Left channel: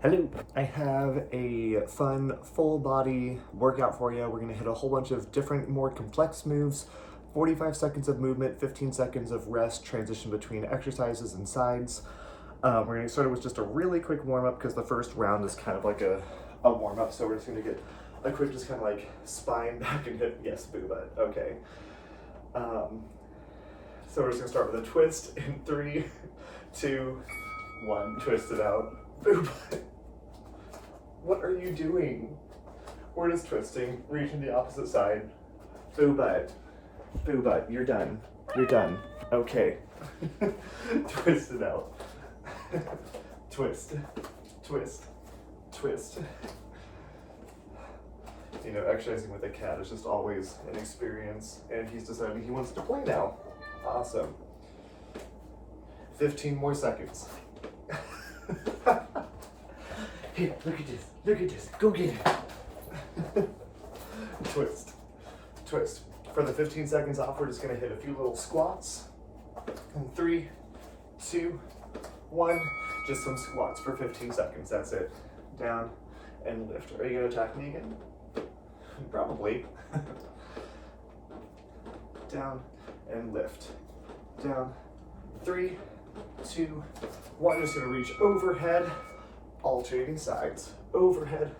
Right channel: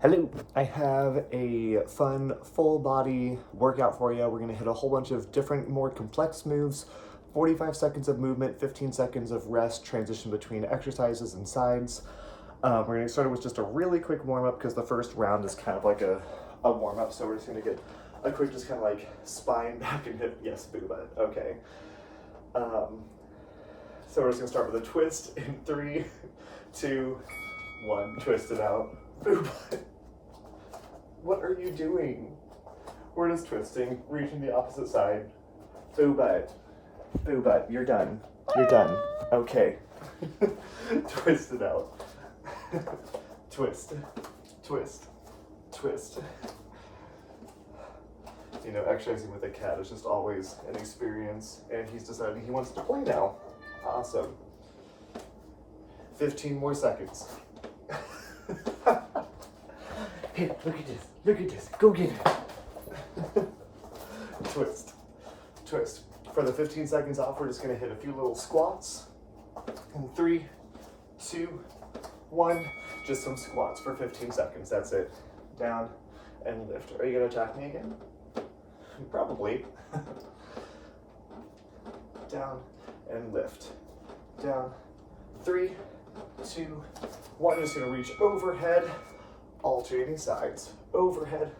Hello, I have a fun full body workout for you. We're gonna hit a whole bunch of different, more complex moves, 45 seconds of movement, 15 seconds of rest, transition between exercises and sides. We're gonna start with just a really quick warm up because the first round is kind of like a warm up. So we're just gonna get a quick, just kind of like spine, back and hip. Yes, boo butt, okay. So we're just gonna start with a twist in 3, 2, 1, twist it out. Boo butt. What are you doing? We're just twisting, reaching the opposite side. Boo butt. Boo butt, you're done. You're done. Okay. Twist it out. Twist. Twist. Twist. You know, exercising with a cat is just always an experience, and he's deciding he wants to play now. Awesome. 15 more seconds. Here, look at this. Look at this. Go get it. Twist. Twist. For the 15 seconds off, we're just going to hit a few little squats. In 3, 2, 1. Just some squats for 15 seconds. That's it. Down and lift. Are you going to attack me again? Probably. Down and lift. Down. 3, 2, 1. Just going to reach overhead. Alternating sides, overhead,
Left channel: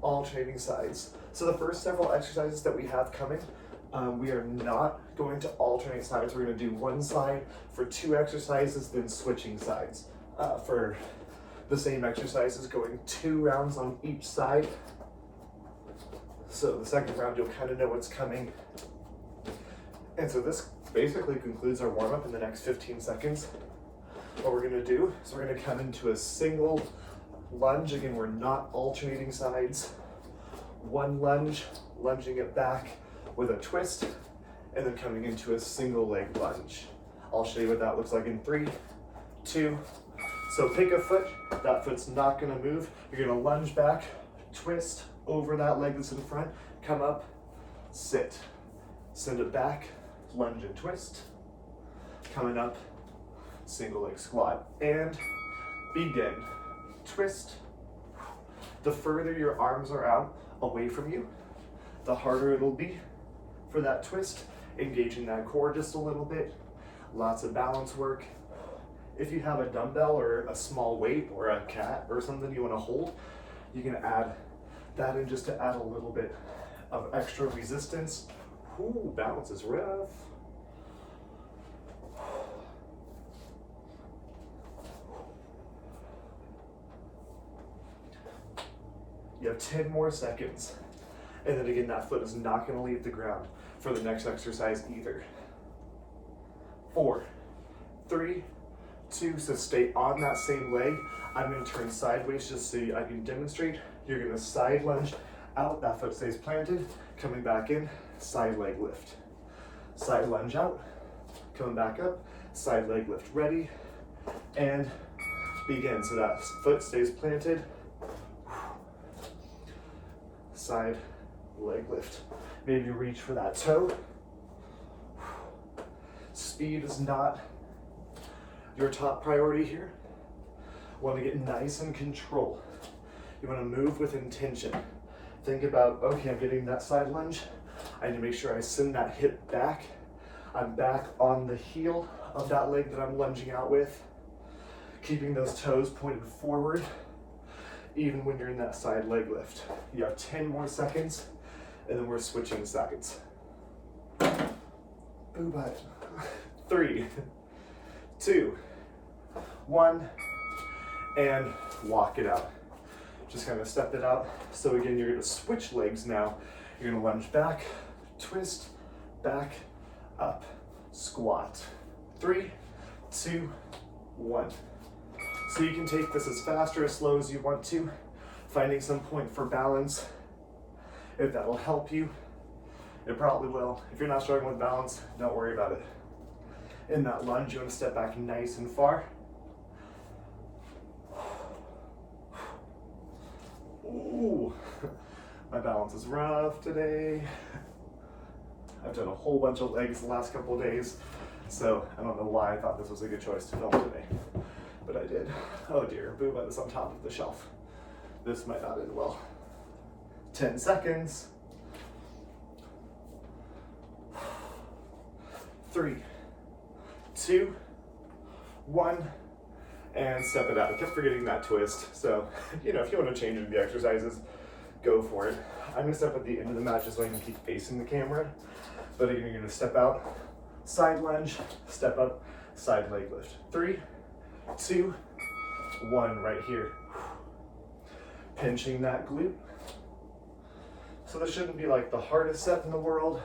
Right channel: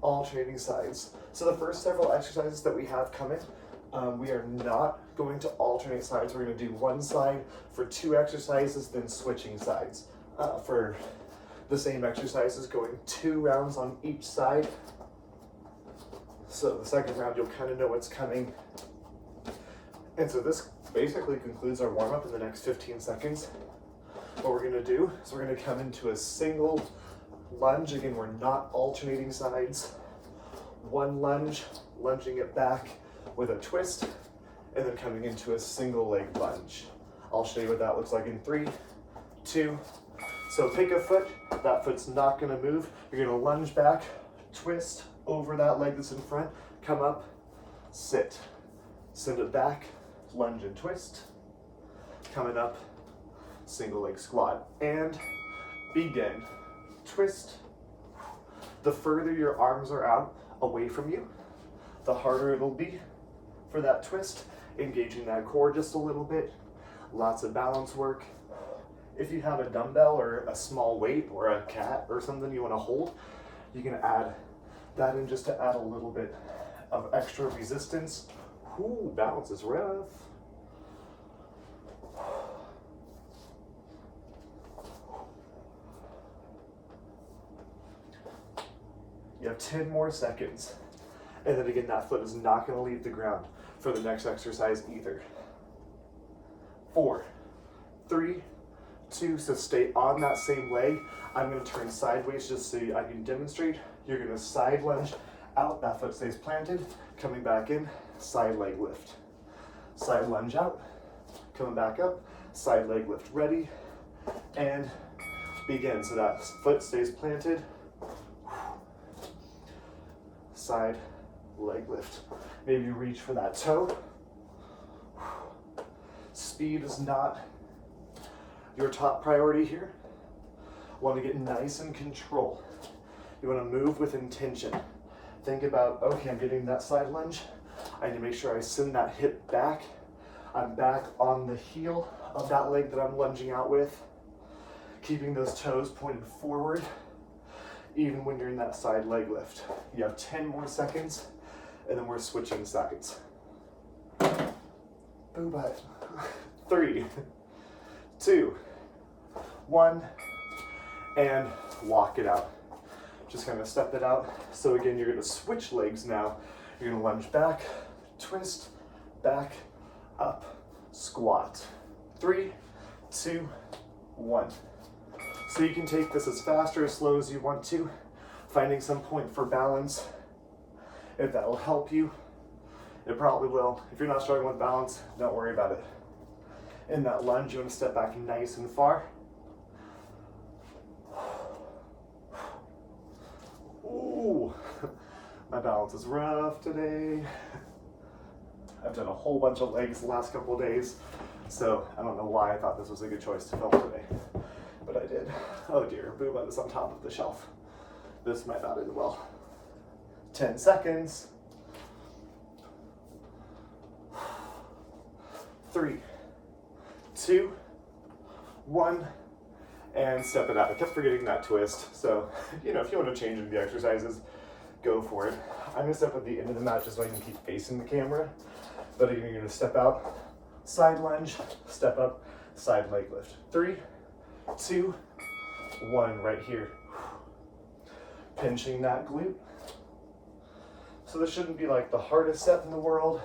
alternating sides. So the first several exercises that we have coming, we are not going to alternate sides. We're going to do one side for 2 exercises, then switching sides. For the same exercises, going 2 rounds on each side. So the second round, you'll kind of know what's coming. And so this basically concludes our warm-up in the next 15 seconds. What we're going to do is we're going to come into a single lunge. Again, we're not alternating sides. One lunge, lunging it back with a twist, and then coming into a single leg lunge. I'll show you what that looks like in 3, 2. So pick a foot. That foot's not going to move. You're going to lunge back, twist over that leg that's in front, come up, sit. Send it back, lunge and twist. Coming up, single leg squat. And begin. Twist. The further your arms are out away from you, the harder it'll be for that twist, engaging that core just a little bit. Lots of balance work. If you have a dumbbell or a small weight or a cat or something you want to hold, you can add that in just to add a little bit of extra resistance. Ooh, balance is rough. You have 10 more seconds. And then again, that foot is not going to leave the ground for the next exercise either. 4, 3, 2, so stay on that same leg. I'm going to turn sideways just so I can demonstrate. You're going to side lunge out, that foot stays planted, coming back in, side leg lift. Side lunge out, coming back up, side leg lift. Ready, and begin. So that foot stays planted. Side leg lift. Maybe reach for that toe. Speed is not your top priority here. Want to get nice and control. You want to move with intention. Think about, okay, I'm getting that side lunge. I need to make sure I send that hip back. I'm back on the heel of that leg that I'm lunging out with. Keeping those toes pointed forward, even when you're in that side leg lift. You have 10 more seconds, and then we're switching sides. Boo butt. 3, 2, 1, and walk it out. Just kind of step it out. So again, you're gonna switch legs now. You're gonna lunge back, twist, back, up, squat. 3, 2, 1. So you can take this as fast or as slow as you want to, finding some point for balance. If that'll help you, it probably will. If you're not struggling with balance, don't worry about it. In that lunge, you want to step back nice and far. Ooh, my balance is rough today. I've done a whole bunch of legs the last couple of days, so I don't know why I thought this was a good choice to film today. But I did. Oh dear, boo butt is on top of the shelf. This might not end well. 10 seconds. 3, 2, 1, and step it out. I kept forgetting that twist. So, you know, if you want to change the exercises, go for it. I'm gonna step at the end of the mat just so I can keep facing the camera. But again, you're gonna step out, side lunge, step up, side leg lift. 3, 2, 1, right here. Pinching that glute. So this shouldn't be like the hardest set in the world.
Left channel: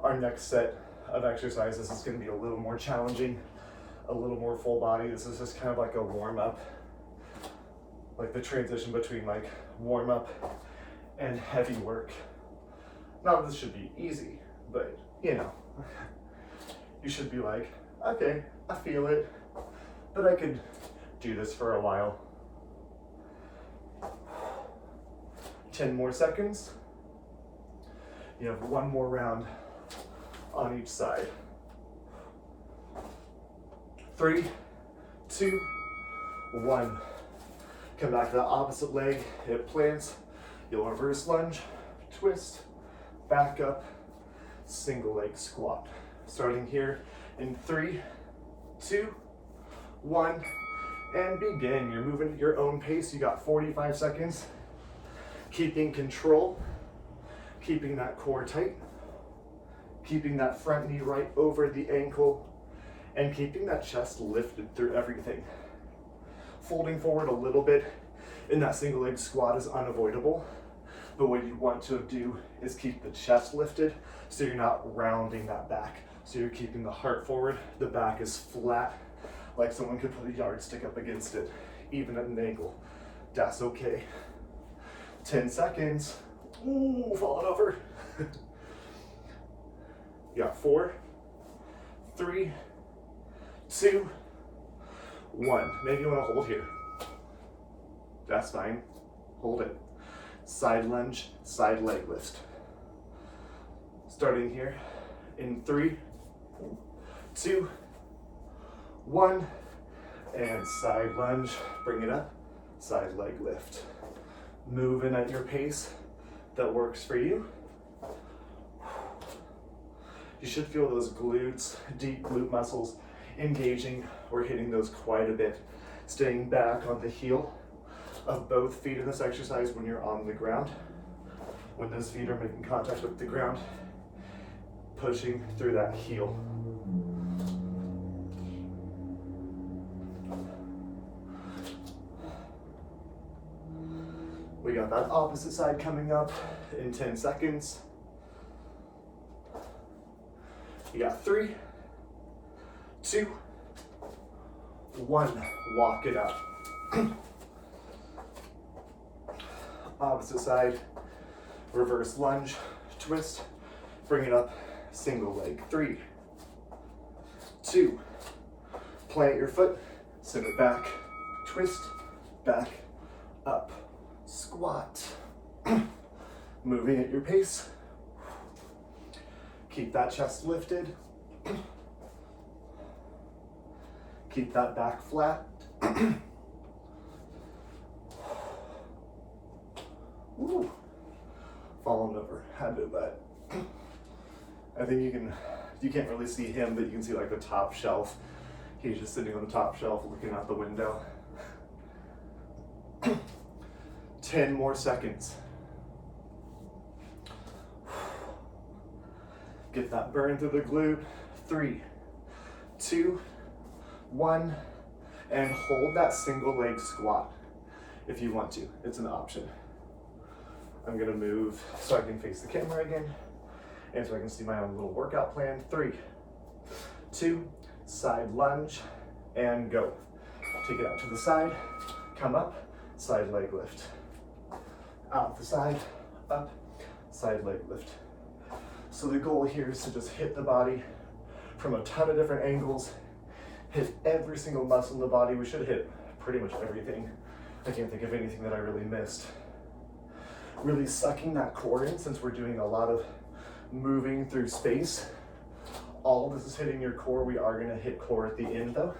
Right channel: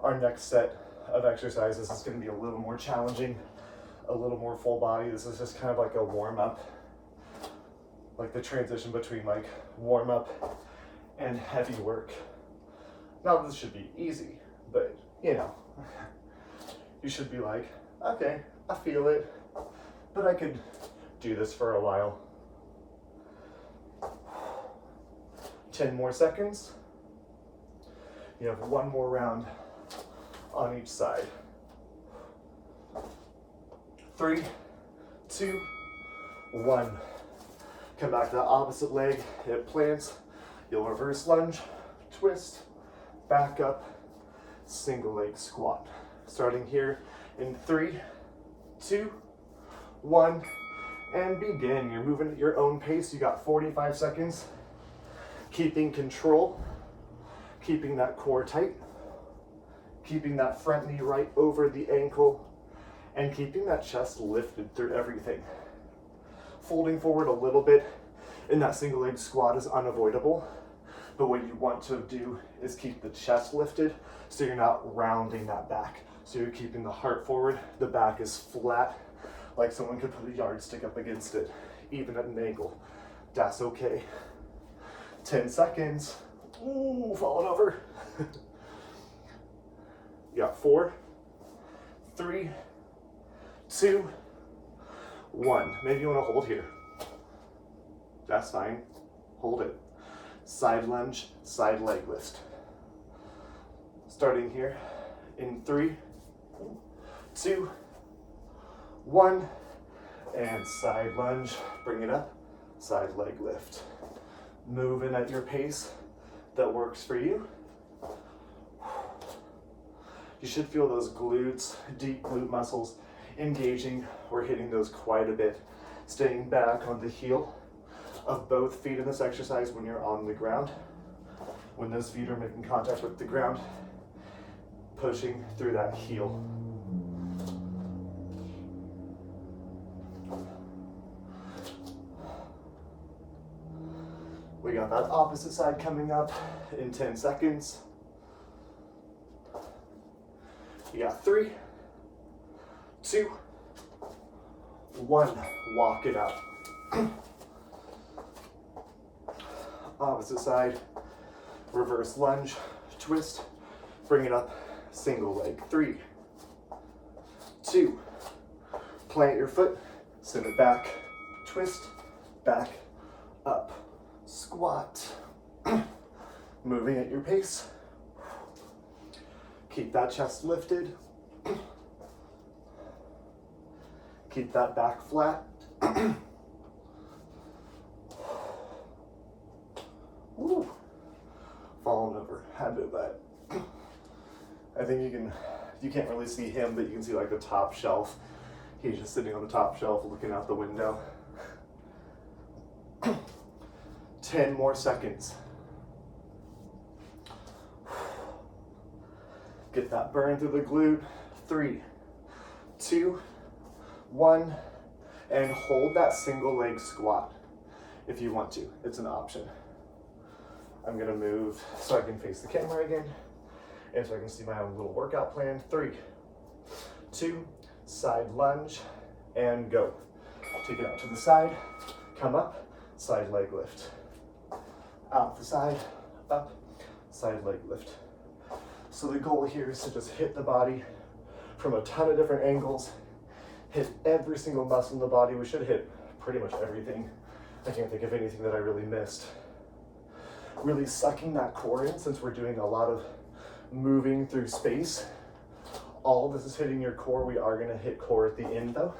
Our next set of exercises is going to be a little more challenging, a little more full body. This is just kind of like a warm up, like the transition between like warm up and heavy work. Not that this should be easy, but you know, you should be like, okay, I feel it, but I could do this for a while. 10 more seconds. You have one more round on each side. 3, 2, 1. Come back to the opposite leg, hip plants. You'll reverse lunge, twist, back up, single leg squat. Starting here in 3, 2, 1, and begin. You're moving at your own pace. You got 45 seconds. Keeping control, keeping that core tight, keeping that front knee right over the ankle, and keeping that chest lifted through everything. Folding forward a little bit in that single leg squat is unavoidable, but what you want to do is keep the chest lifted so you're not rounding that back. So you're keeping the heart forward, the back is flat, like someone could put a yardstick up against it, even at an angle. That's okay. 10 seconds. Ooh, falling over. You got 4, 3, 2, 1. Maybe you want to hold here. That's fine. Hold it. Side lunge, side leg lift. Starting here in 3, 2, 1, and side lunge. Bring it up. Side leg lift. Moving at your pace that works for you. You should feel those glutes, deep glute muscles engaging. We're hitting those quite a bit. Staying back on the heel of both feet in this exercise when you're on the ground. When those feet are making contact with the ground, pushing through that heel. We got that opposite side coming up in 10 seconds. You got 3, 2, 1. Walk it up. Opposite side, reverse lunge, twist, bring it up, single leg. 3, 2, plant your foot, send it back, twist, back, up. Squat. Moving at your pace. Keep that chest lifted. Keep that back flat. Woo. Falling over. Had to that. I think you can't really see him, but you can see like the top shelf. He's just sitting on the top shelf looking out the window. 10 more seconds. Get that burn through the glute. 3, 2, 1, and hold that single leg squat if you want to. It's an option. I'm gonna move so I can face the camera again and so I can see my own little workout plan. 3, 2, side lunge, and go. Take it out to the side, come up, side leg lift. Out the side, up, side leg lift. So the goal here is to just hit the body from a ton of different angles, hit every single muscle in the body. We should hit pretty much everything. I can't think of anything that I really missed. Really sucking that core in since we're doing a lot of moving through space. All of this is hitting your core. We are gonna hit core at the end though.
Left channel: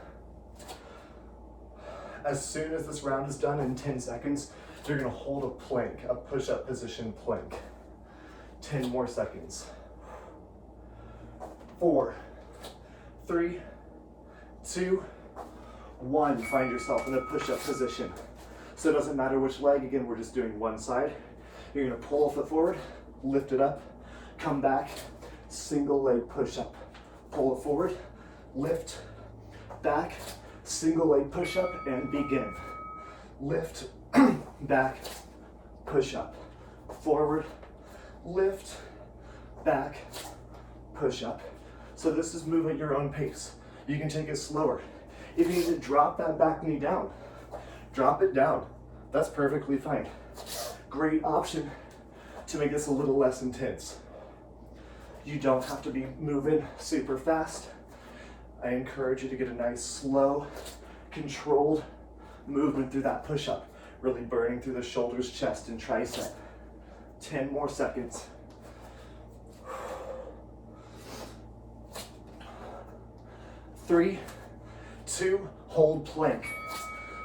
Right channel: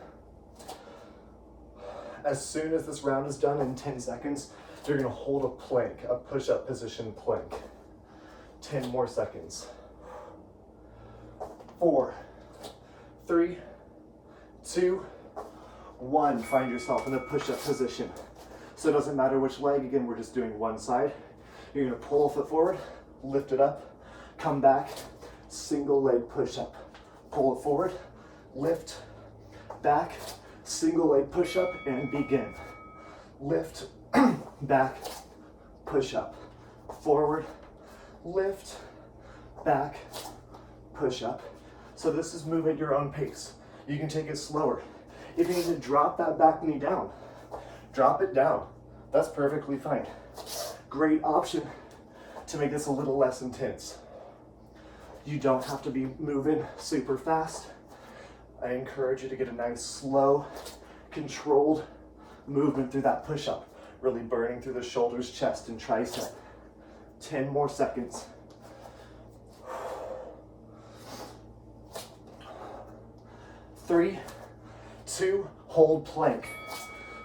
As soon as this round is done in 10 seconds, you're gonna hold a plank, a push-up position plank. 10 more seconds. 4, 3, 2, 1. Find yourself in a push-up position. So it doesn't matter which leg, again, we're just doing one side. You're gonna pull a foot forward, lift it up, come back, single leg push-up. Pull it forward, lift, back, single leg push-up, and begin. Lift, back, push-up, forward, lift, back, push-up. So this is move at your own pace. You can take it slower. If you need to drop that back knee down, drop it down. That's perfectly fine. Great option to make this a little less intense. You don't have to be moving super fast. I encourage you to get a nice, slow, controlled movement through that push-up, really burning through the shoulders, chest, and tricep. 10 more seconds. 3, 2, hold plank.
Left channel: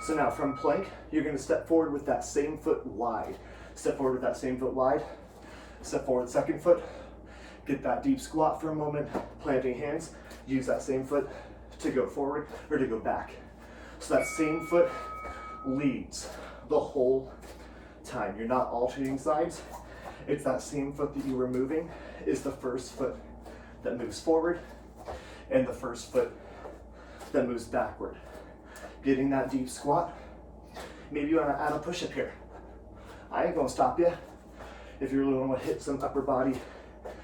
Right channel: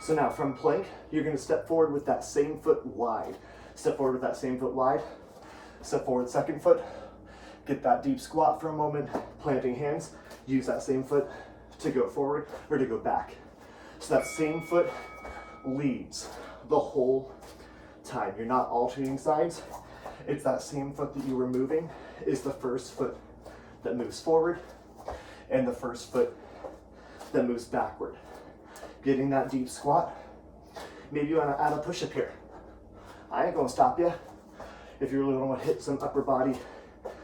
So now from plank, you're gonna step forward with that same foot wide. Step forward with that same foot wide. Step forward, second foot. Get that deep squat for a moment, planting hands. Use that same foot to go forward or to go back. So that same foot leads the whole time. You're not alternating sides. It's that same foot that you were moving is the first foot that moves forward and the first foot that moves backward. Getting that deep squat. Maybe you wanna add a push-up here. I ain't gonna stop you. If you really wanna hit some upper body,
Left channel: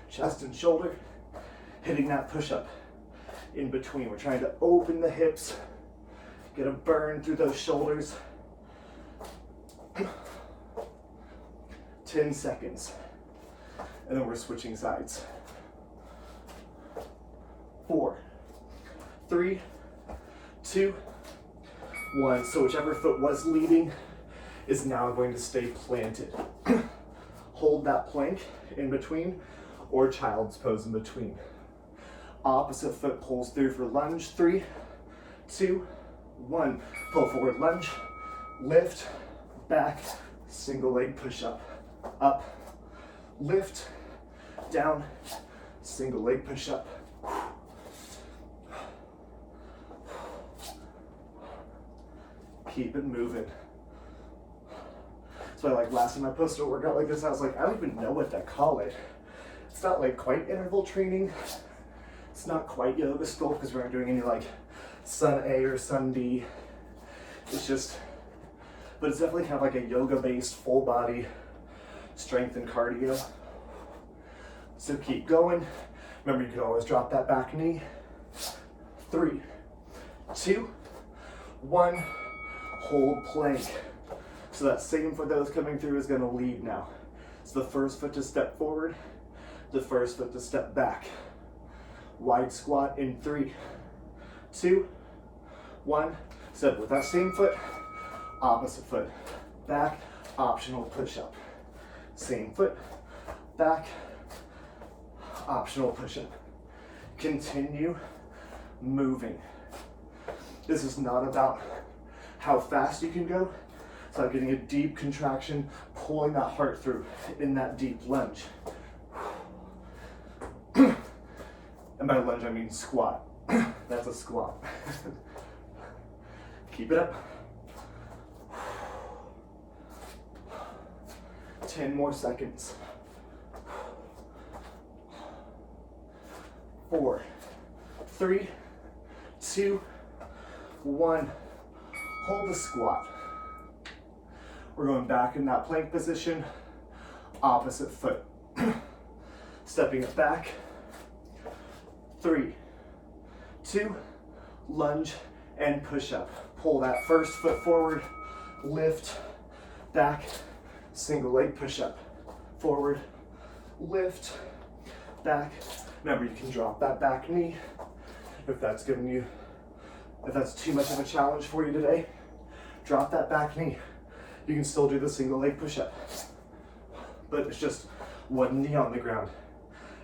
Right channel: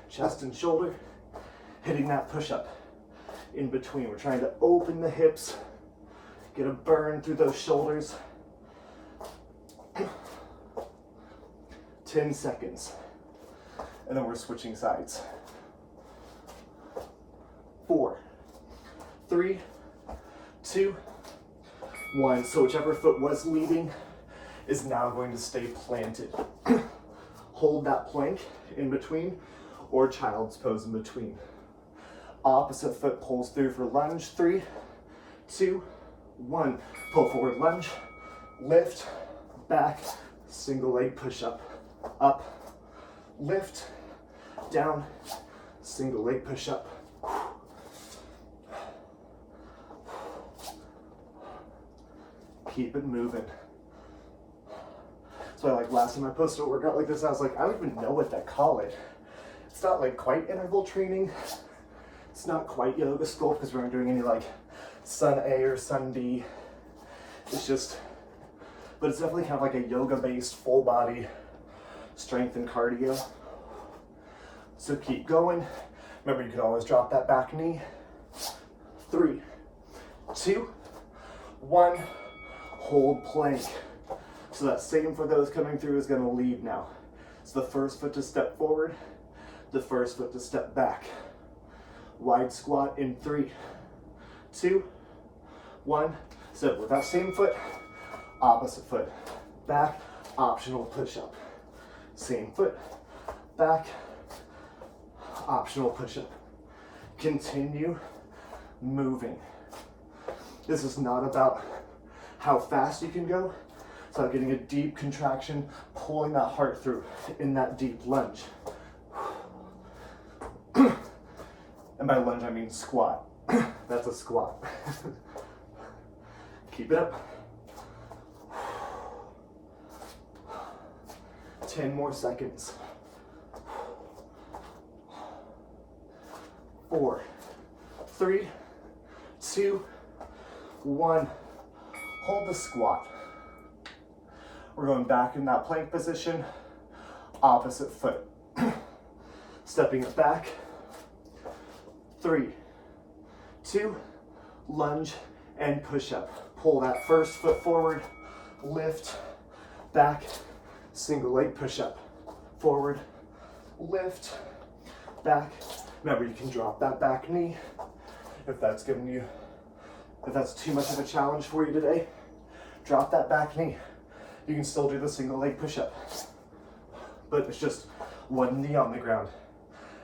chest and shoulder, hitting that push-up in between. We're trying to open the hips, get a burn through those shoulders. 10 seconds. And then we're switching sides. 4, 3, 2, 1. So whichever foot was leading is now going to stay planted. Hold that plank in between or child's pose in between. Opposite foot pulls through for lunge. 3, 2, 1. Pull forward, lunge, lift, back, single leg push up, lift, down, single leg push up. Keep it moving. So like last time I posted a workout like this, and I was like, I don't even know what to call it. It's not like quite interval training. It's not quite yoga sculpt because we aren't doing any like sun A or sun B. It's just, but it's definitely kind of like a yoga based full body strength and cardio. So keep going. Remember, you can always drop that back knee. 3, 2, 1. Hold plank. So that same foot that was coming through is gonna lead now. It's the first foot to step forward, the first foot to step back. Wide squat in 3, 2, 1. Step with that same foot, opposite foot, back, optional push-up. Same foot, back, optional push-up. Continue moving. This is not about how fast you can go. It's about getting a deep contraction, pulling that heart through in that deep lunge. And by lunge, I mean squat. That's a squat. Keep it up. 10 more seconds. 4, 3, 2, 1. Hold the squat. We're going back in that plank position, opposite foot. Stepping it back. 3, 2, lunge and push up. Pull that first foot forward, lift, back, single leg push up. Forward, lift, back. Remember, you can drop that back knee if that's too much of a challenge for you today. Drop that back knee. You can still do the single leg push-up, but it's just one knee on the ground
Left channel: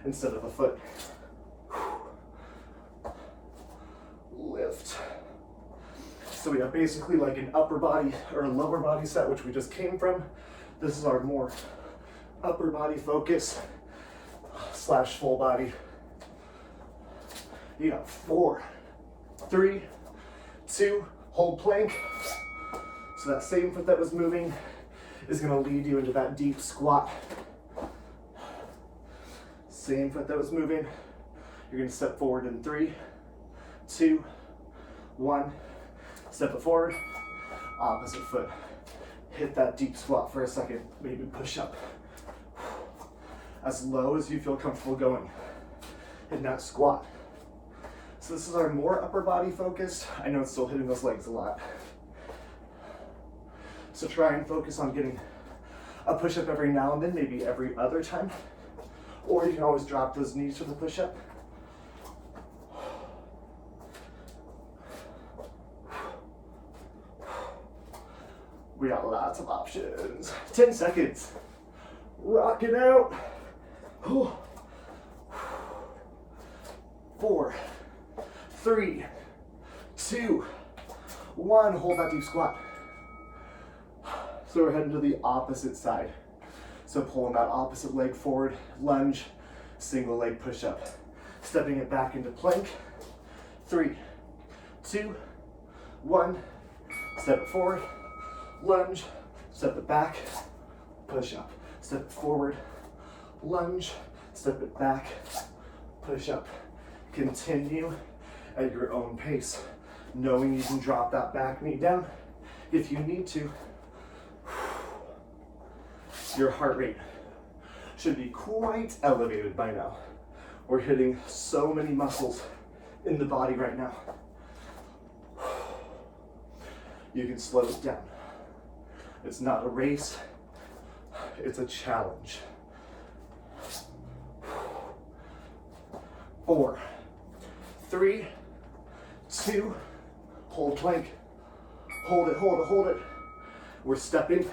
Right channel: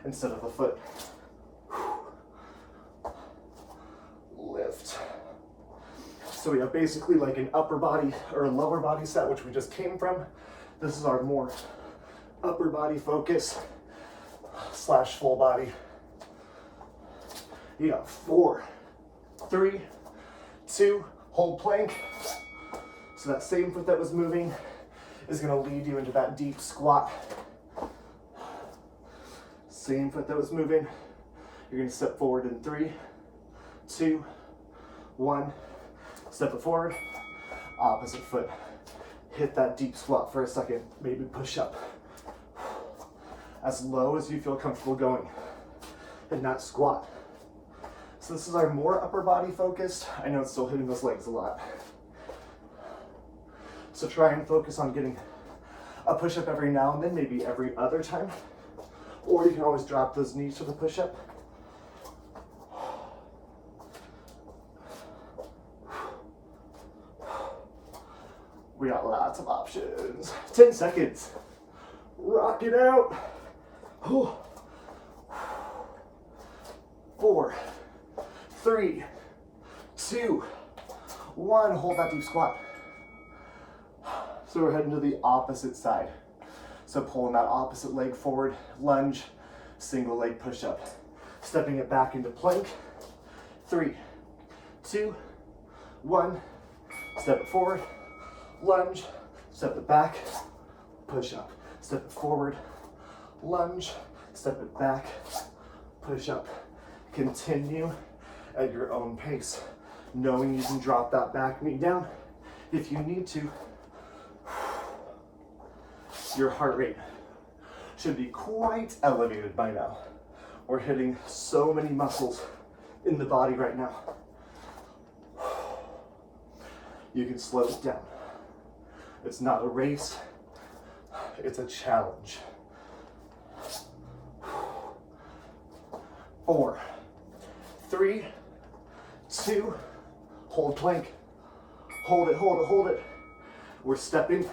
instead of a foot. So So we have basically like an upper body or a lower body set, which we just came from. This is our more upper body focus / full body. You got 4, 3, 2, hold plank. So that same foot that was moving is gonna lead you into that deep squat. Same foot that was moving, you're gonna step forward in 3, 2, 1. Step it forward, opposite foot. Hit that deep squat for a second, maybe push up. As low as you feel comfortable going in that squat. So this is our more upper body focused. I know it's still hitting those legs a lot. So try and focus on getting a push-up every now and then, maybe every other time. Or you can always drop those knees for the push-up. We got lots of options. 10 seconds. Rock it out. 4, 3, 2, 1. Hold that deep squat. So we're heading to the opposite side. So pulling that opposite leg forward, lunge, single leg push up. Stepping it back into plank. 3, 2, 1. Step it forward, lunge, step it back, push up. Step it forward, lunge, step it back, push up. Continue at your own pace, knowing you can drop that back knee down if you need to. Your heart rate should be quite elevated by now. We're hitting so many muscles in the body right now. You can slow it down. It's not a race, it's a challenge. 4, 3, 2, hold plank. Hold it, hold it, hold it. We're stepping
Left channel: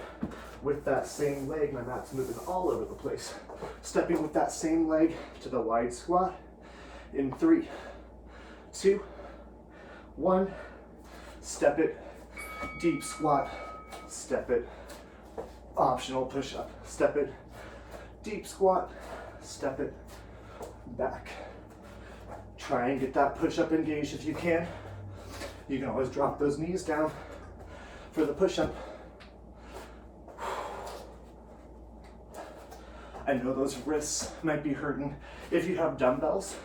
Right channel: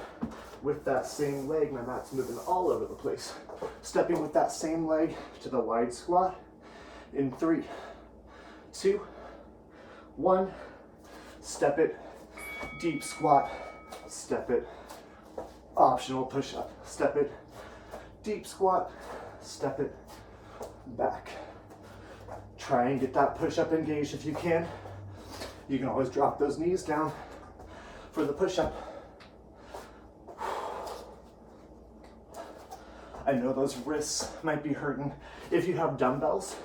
with that same leg. My mat's moving all over the place. Stepping with that same leg to the wide squat in 3, 2, 1. Step it, deep squat, step it, optional push up, step it, deep squat, step it, back. Try and get that push up engaged if you can. You can always drop those knees down for the push up. I know those wrists might be hurting. If you have dumbbells,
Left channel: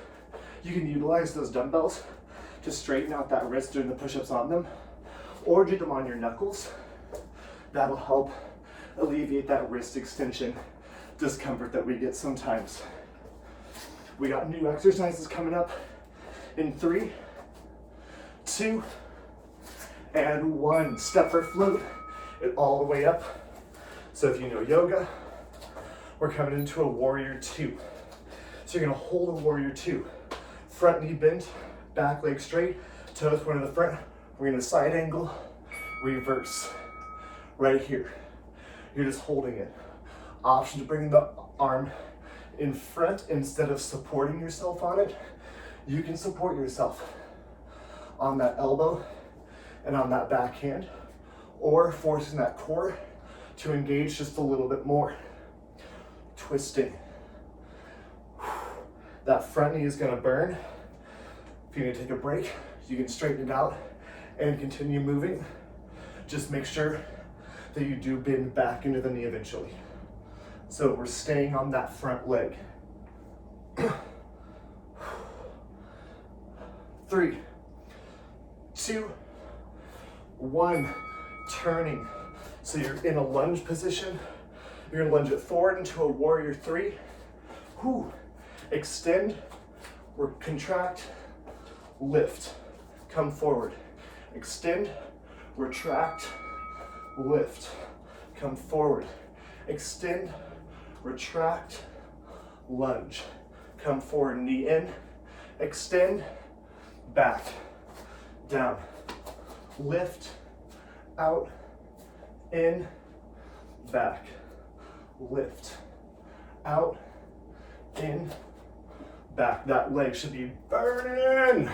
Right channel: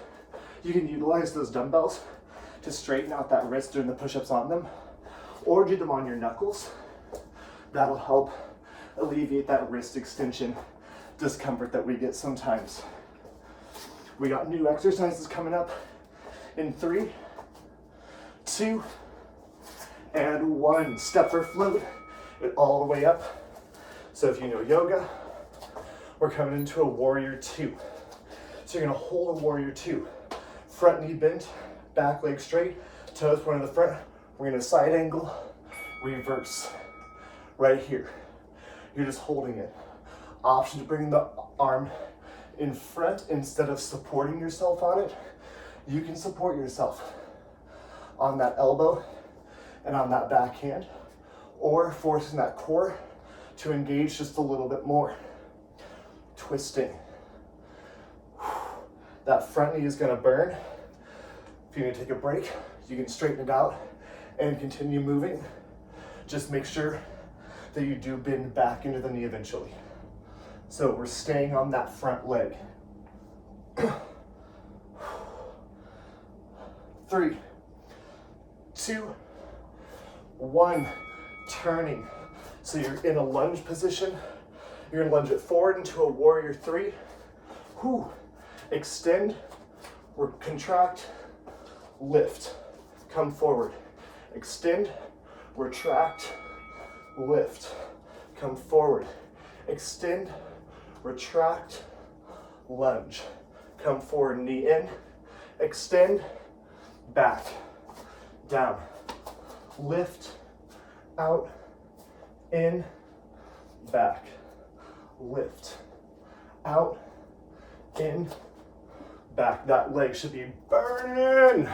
you can utilize those dumbbells to straighten out that wrist doing the push-ups on them, or do them on your knuckles. That'll help alleviate that wrist extension discomfort that we get sometimes. We got new exercises coming up in 3, 2, and 1. Step or float it all the way up. So if you know yoga, we're coming into a warrior 2. So you're gonna hold a warrior 2. Front knee bent, back leg straight, toes pointed to the front. We're gonna side angle, reverse, right here. You're just holding it. Option to bring the arm in front instead of supporting yourself on it. You can support yourself on that elbow and on that backhand, or forcing that core to engage just a little bit more. Twisting. That front knee is gonna burn. If you're gonna take a break, you can straighten it out and continue moving. Just make sure that you do bend back into the knee eventually. So we're staying on that front leg. 3, 2, 1, turning. So you're in a lunge position. You're gonna lunge it forward into a warrior 3. Extend, or contract, lift. Come forward. Extend, retract, lift. Come forward. Extend, retract, lunge. Come forward, knee in, extend, back, down, lift, out, in, back, lift, out, in, back. That leg should be burning.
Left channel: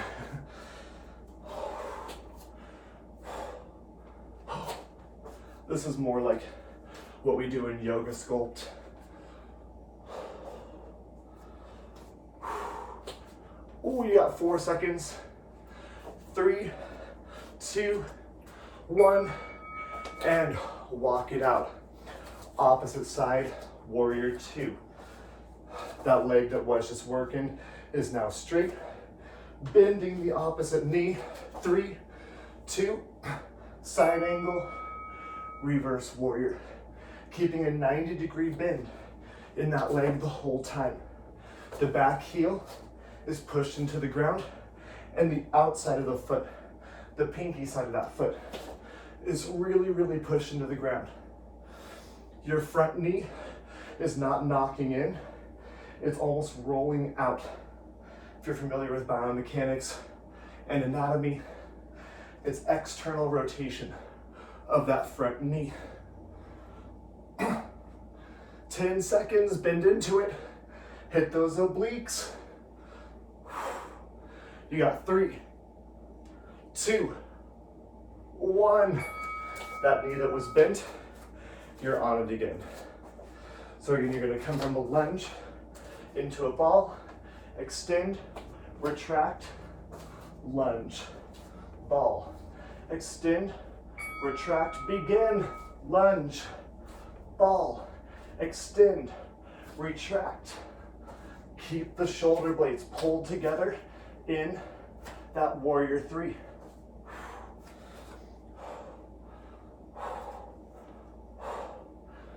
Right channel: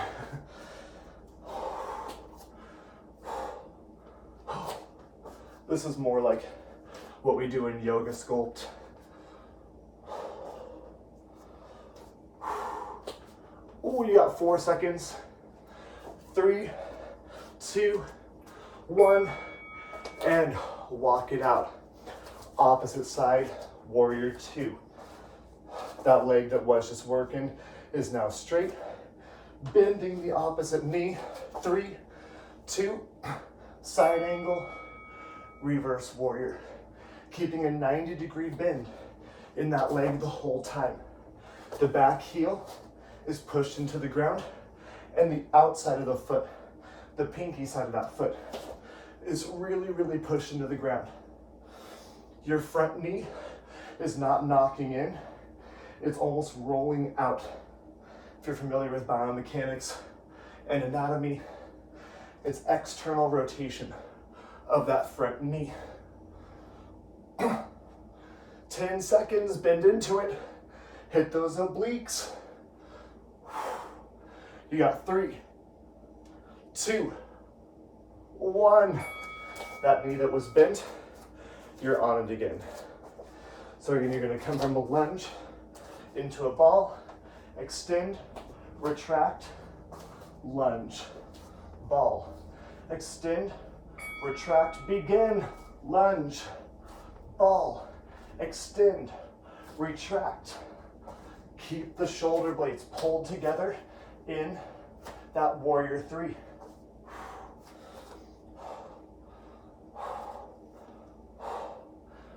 This is more like what we do in yoga sculpt. Ooh, you got 4 seconds. 3, 2, 1, and walk it out. Opposite side, warrior 2. That leg that was just working is now straight. Bending the opposite knee. 3, 2, side angle, reverse warrior. Keeping a 90-degree bend in that leg the whole time. The back heel is pushed into the ground, and the outside of the foot, the pinky side of that foot, is really, really pushed into the ground. Your front knee is not knocking in, it's almost rolling out. If you're familiar with biomechanics and anatomy, it's external rotation of that front knee. 10 seconds, bend into it, hit those obliques. You got 3, 2, 1. That knee that was bent, you're on it again. So you're gonna come from a lunge into a ball, extend, retract, lunge, ball, extend, retract, begin, lunge, ball, extend, retract. Keep the shoulder blades pulled together in that warrior 3.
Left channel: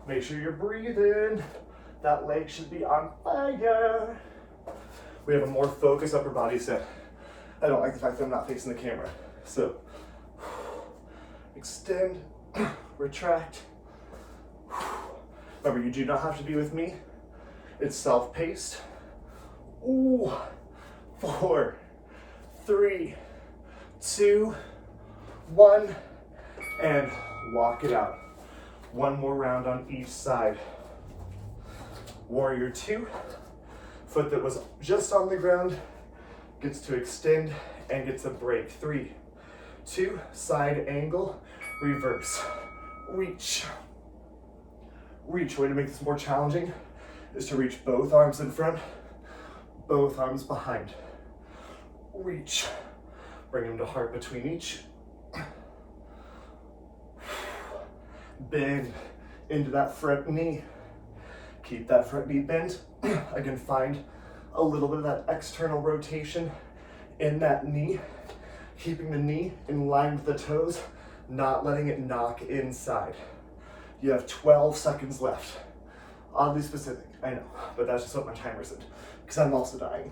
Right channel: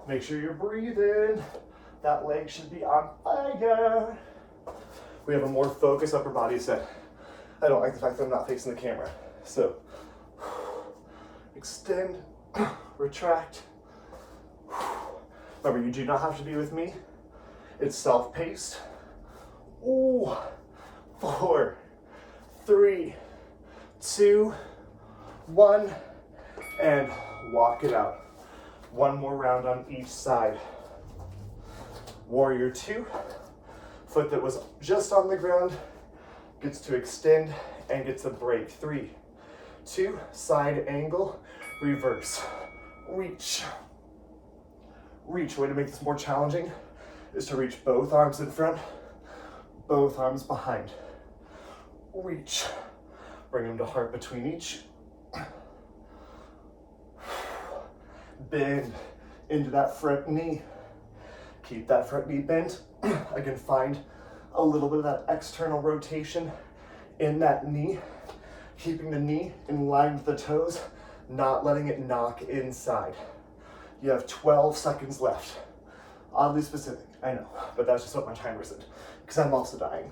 Make sure you're breathing. That leg should be on fire. We have a more focused upper body set. I don't like the fact that I'm not facing the camera. So, extend, retract. Remember, you do not have to be with me. It's self-paced. Ooh, 4, 3, 2, 1, and walk it out. One more round on each side. Warrior 2, foot that was just on the ground gets to extend and gets a break. 3, 2, side angle, reverse, reach. Reach. Way to make this more challenging is to reach both arms in front, both arms behind. Reach. Bring them to heart between each. Bend into that front knee. Keep that front knee bent. Again, find a little bit of that external rotation in that knee. Keeping the knee in line with the toes, not letting it knock inside. You have 12 seconds left. Oddly specific, I know, but that's just what my timer said, because I'm also dying.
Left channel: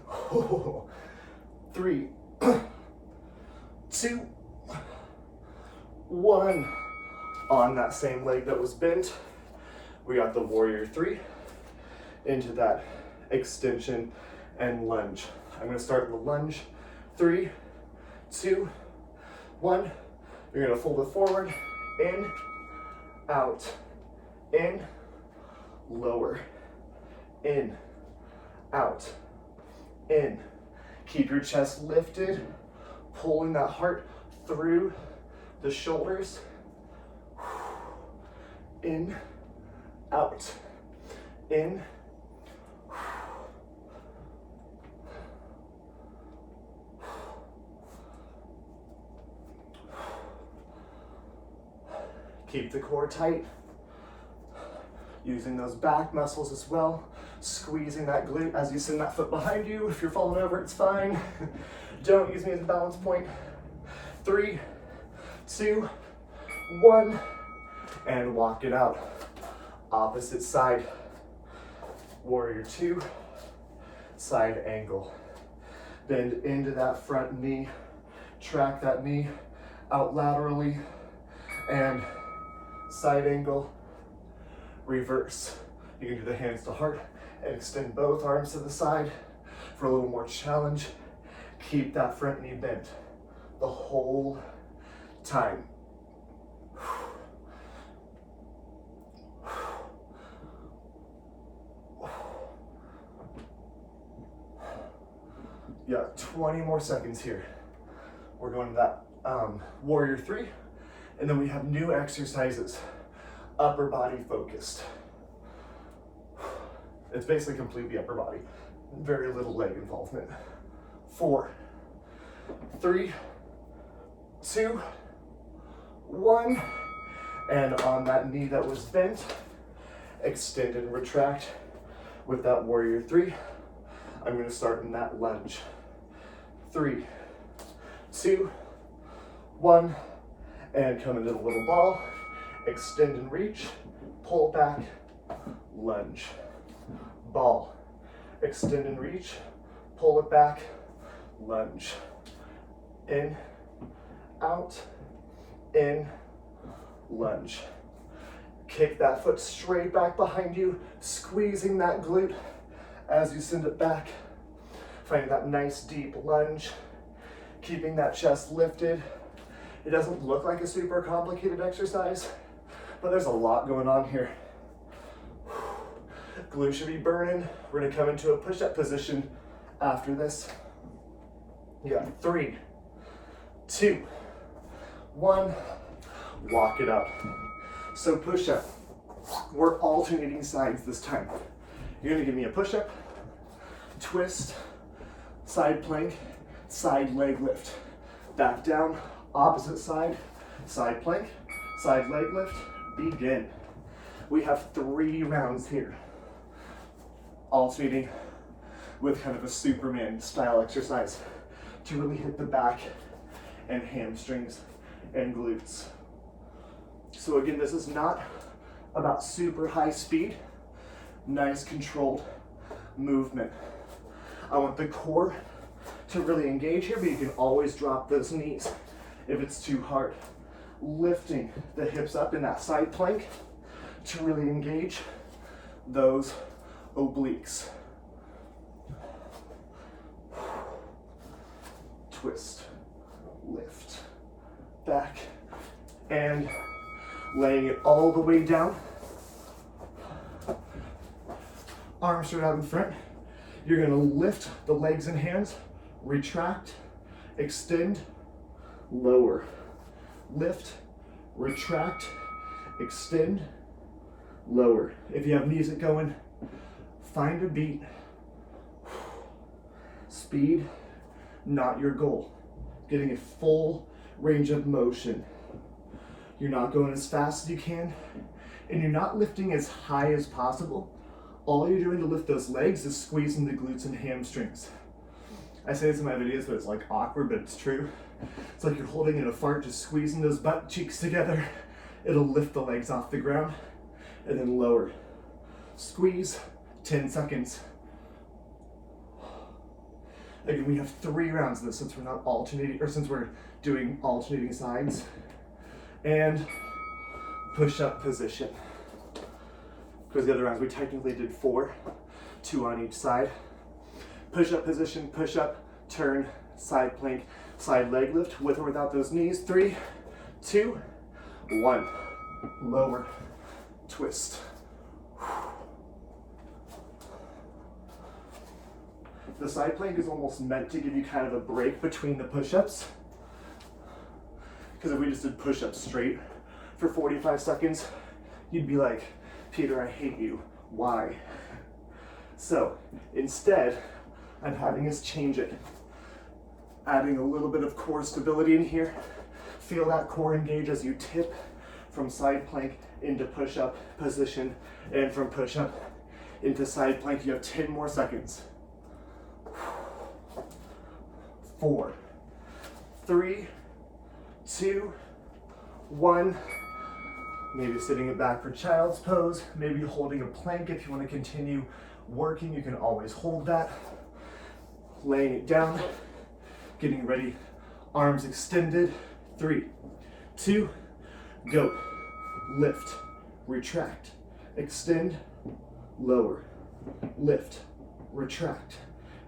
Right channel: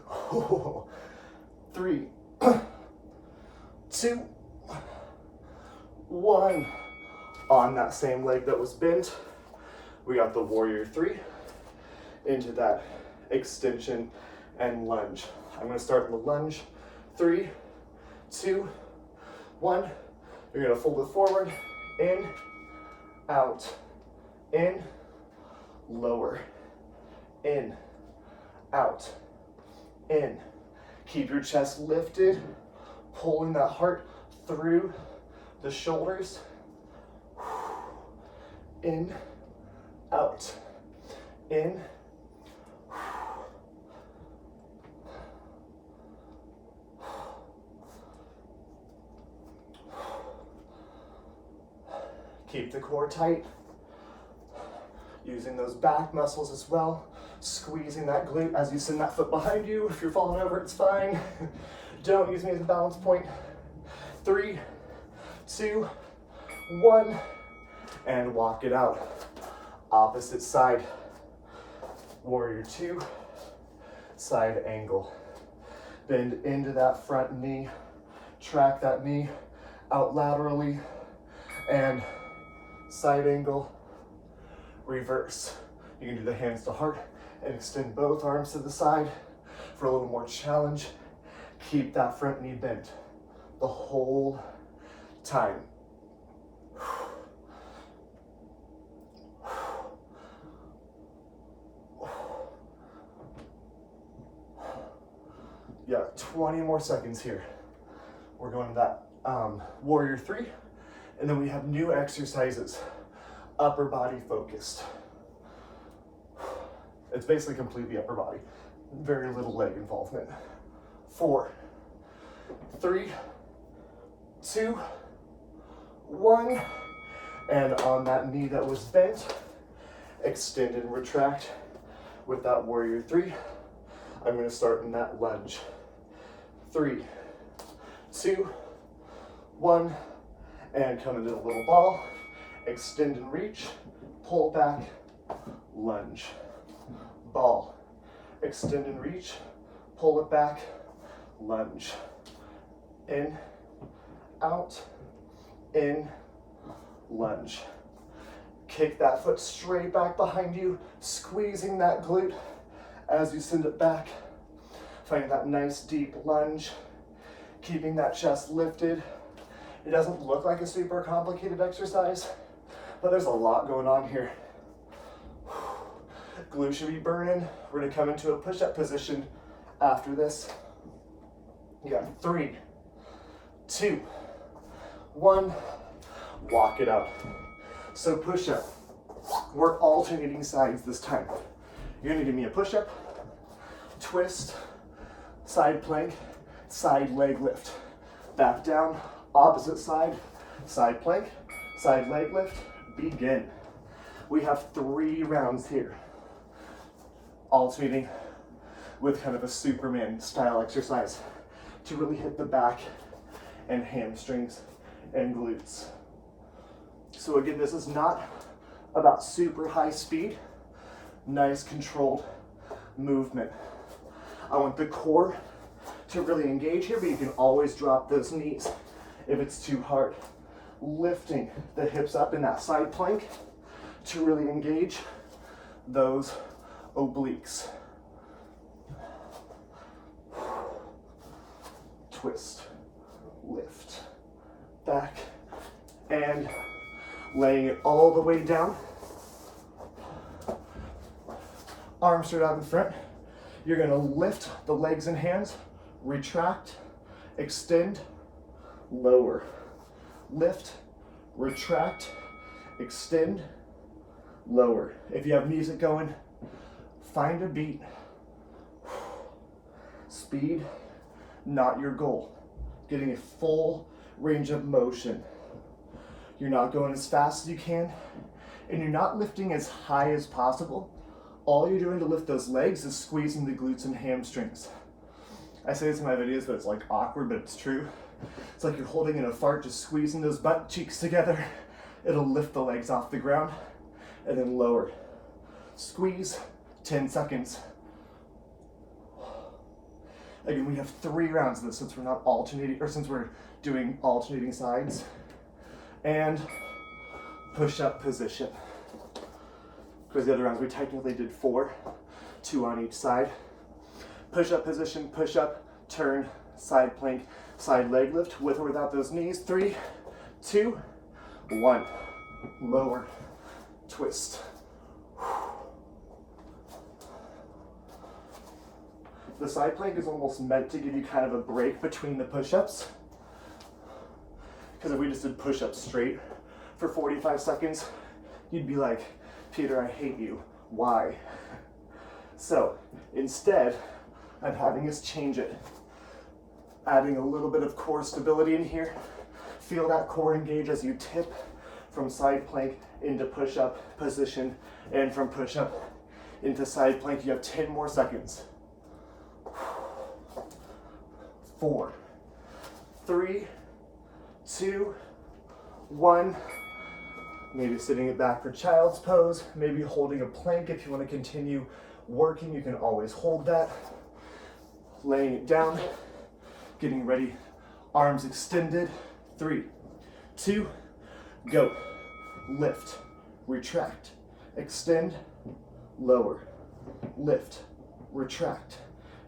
3, 2, 1. On that same leg that was bent, we got the warrior 3 into that extension and lunge. I'm gonna start with the lunge. 3, 2, 1. You're gonna fold it forward, in, out, in, lower, in, out, in. Keep your chest lifted, pulling that heart through the shoulders. In, out, in. Keep the core tight. Using those back muscles as well. Squeezing that glute as you send that foot behind you. If you're falling over, it's fine. Don't use me as a balance point. 3, 2, 1. And walk it out. Opposite side. Warrior 2, side angle. Bend into that front knee. Track that knee out laterally. And side angle, reverse. You can do the hands to heart and extend both arms to the side for a little more challenge. Keep that front knee bent the whole time. Yeah, 20 more seconds here. We're going to that warrior 3, and then we have new exercises upper body focused. It's basically completely upper body. Very little leg involvement. 4, 3, 2, 1. And on that knee that was bent, extend and retract with that warrior 3. I'm going to start in that lunge. 3, 2, 1, and come into the little ball. Extend and reach, pull back, lunge. Ball. Extend and reach, pull it back, lunge. In, out, in, lunge. Kick that foot straight back behind you, squeezing that glute as you send it back. Finding that nice deep lunge, keeping that chest lifted. It doesn't look like a super complicated exercise, but there's a lot going on here. Glute should be burning. We're gonna come into a push-up position after this. You got 3, 2, 1, walk it up. So push-up, we're alternating sides this time. You're gonna give me a push-up, twist, side plank, side leg lift. Back down, opposite side, side plank, side leg lift, begin. We have 3 rounds here. Alternating with kind of a Superman style exercise to really hit the back and hamstrings and glutes. So again, this is not about super high speed, nice controlled movement. I want the core to really engage here, but you can always drop those knees if it's too hard. Lifting the hips up in that side plank to really engage those obliques. Twist, lift, back, and laying it all the way down. Arms straight out in front. You're gonna lift the legs and hands, retract, extend, lower. Lift, retract, extend, lower. If you have music going, find a beat. Speed, not your goal. Getting a full range of motion. You're not going as fast as you can, and you're not lifting as high as possible. All you're doing to lift those legs is squeezing the glutes and hamstrings. I say this in my videos, but it's like awkward, but it's true. It's like you're holding in a fart, just squeezing those butt cheeks together. It'll lift the legs off the ground, and then lower. Squeeze, 10 seconds. Again, we have 3 rounds of this since we're not alternating, or since we're doing alternating sides. And push-up position. Because the other rounds we technically did 4, 2 on each side. Push-up position, push-up, turn, side plank, side leg lift, with or without those knees. 3, 2, 1. Lower, twist. The side plank is almost meant to give you kind of a break between the push-ups. Because if we just did push-ups straight for 45 seconds, you'd be like, Peter, I hate you. Why? So instead, I'm having us change it. Adding a little bit of core stability in here. Feel that core engage as you tip from side plank into push-up position, and from push-up into side plank. You have 10 more seconds. 4, 3, 2, 1. Maybe sitting it back for child's pose. Maybe holding a plank if you want to continue working. You can always hold that. Laying it down. Getting ready. Arms extended. 3, 2, go. Lift, retract, extend, lower. Lift, retract,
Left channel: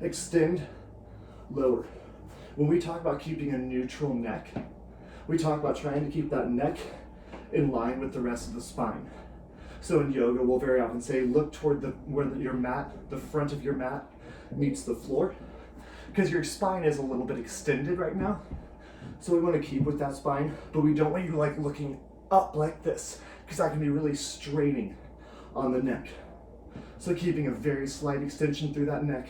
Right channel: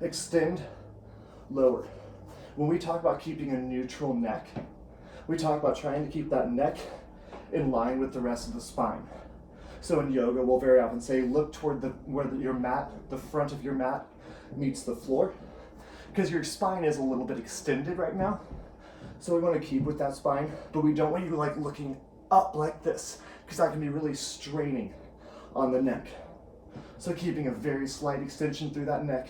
extend, lower. When we talk about keeping a neutral neck, we talk about trying to keep that neck in line with the rest of the spine. So in yoga, we'll very often say, look toward where your mat, the front of your mat meets the floor, because your spine is a little bit extended right now. So we want to keep with that spine, but we don't want you like looking up like this, because that can be really straining on the neck. So keeping a very slight extension through that neck,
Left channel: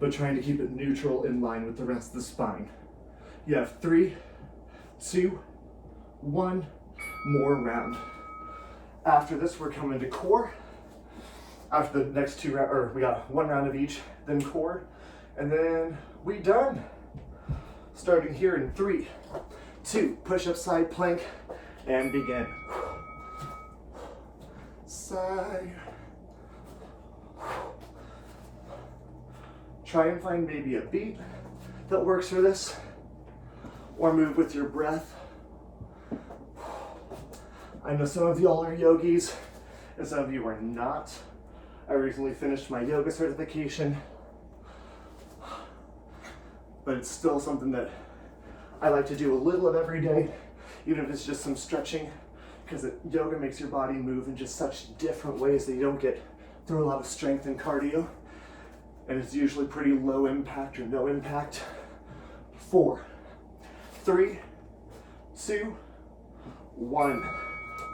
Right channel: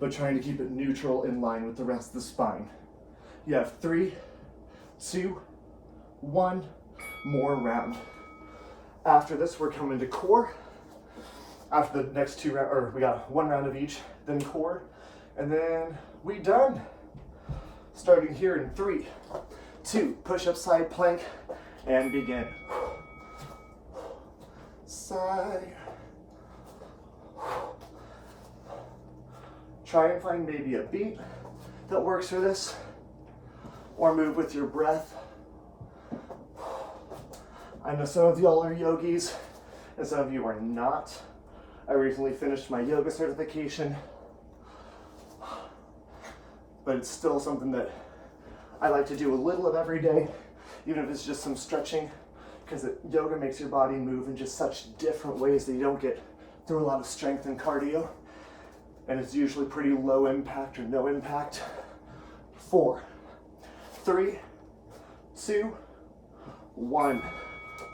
but trying to keep it neutral in line with the rest of the spine. You have 3, 2, 1, more round. After this, we're coming to core. After the next 2 rounds, or we got 1 round of each, then core, and then we done. Starting here in 3, 2, push up side plank, and begin. Side. Try and find maybe a beat that works for this, or move with your breath. I know some of y'all are yogis, and some of you are not. I recently finished my yoga certification, but it's still something that I like to do a little of every day, even if it's just some stretching, because yoga makes your body move in just such different ways that you don't get through a lot of strength and cardio, and it's usually pretty low impact or no impact. 4, 3, 2, 1.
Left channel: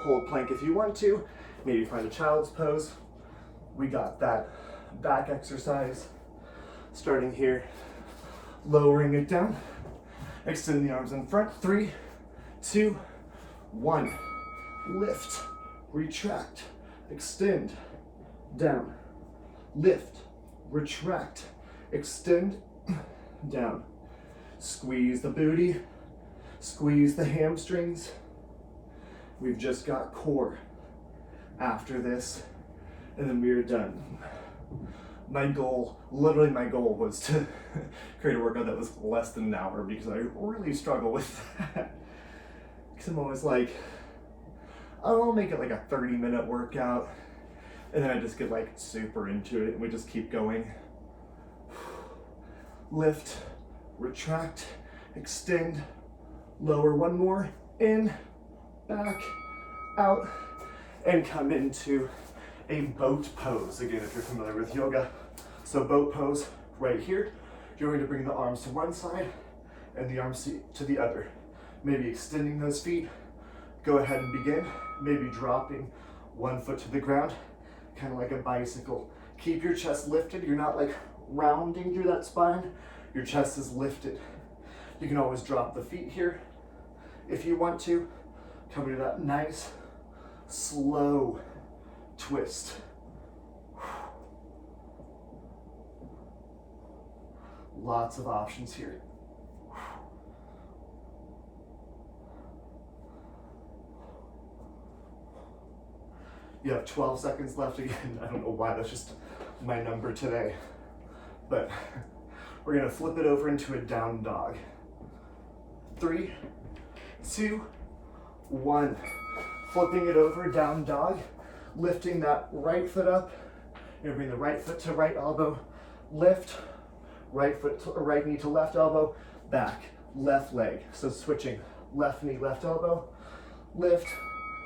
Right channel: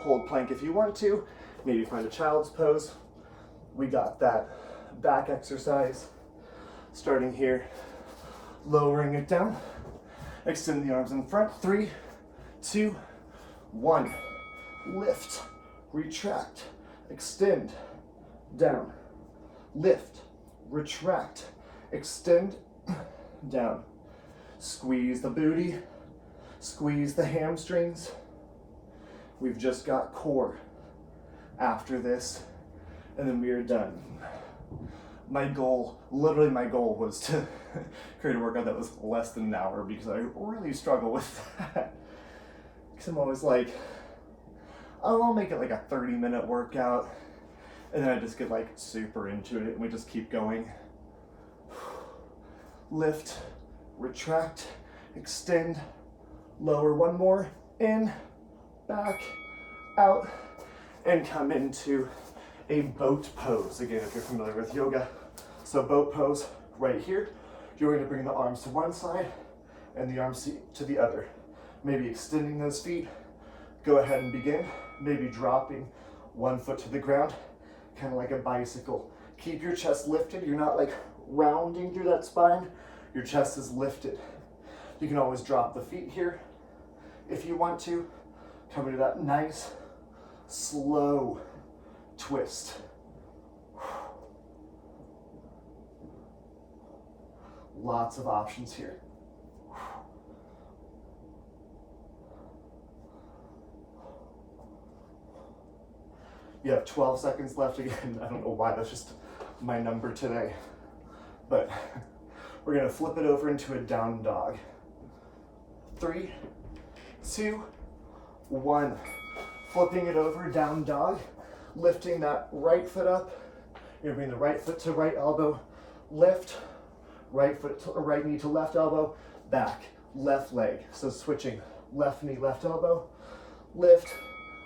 Hold plank if you want to. Maybe find a child's pose. We got that back exercise. Starting here, lowering it down. Extend the arms in front. 3, 2, 1. Lift, retract, extend, down. Lift, retract, extend, down. Squeeze the booty, squeeze the hamstrings. We've just got core after this, and then we are done. My goal was to create a workout that was less than an hour, because I really struggle with that. Because I'm always like, I'll make it like a 30-minute workout, and then I just get like super into it, and we just keep going. Lift, retract, extend, lower, 1 more, in, back, out, and come into a boat pose. Again, if you're familiar with yoga. So boat pose right here, you're going to bring the arms to one side and the arms to the other. Maybe extending those feet. Go ahead and begin. Maybe dropping 1 foot to the ground, kind of like a bicycle. Keep your chest lifted. You're not like rounding through that spine. Your chest is lifted. You can always drop the feet here if you want to. Come into that nice, slow twist. Lots of options here. You have 12 seconds left again. I don't know why, that's just my number today. But we're gonna flip it over into a down dog. 3, 2, 1. Flipping it over, down dog. Lifting that right foot up. You're gonna bring the right foot to right elbow. Lift, right foot to right knee to left elbow. Back, left leg. So switching, left knee, left elbow. Lift,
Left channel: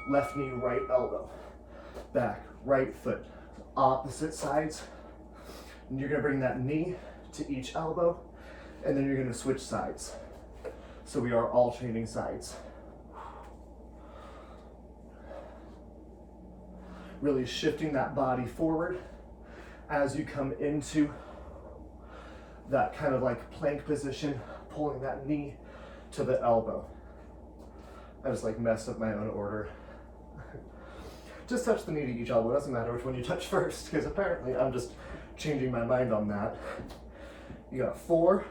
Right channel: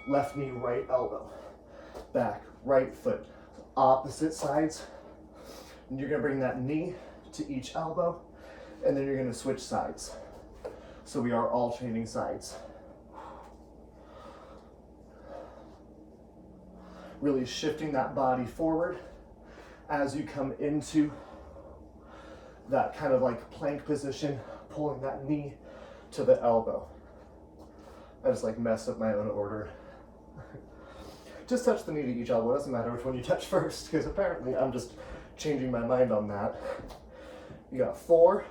left knee, right elbow. Back, right foot, opposite sides. And you're gonna bring that knee to each elbow, and then you're gonna switch sides. So we are alternating sides. Really shifting that body forward as you come into that kind of like plank position, pulling that knee to the elbow. I just like messed up my own order. Just touch the knee to each elbow. It doesn't matter which one you touch first, because apparently I'm just changing my mind on that. You got 4,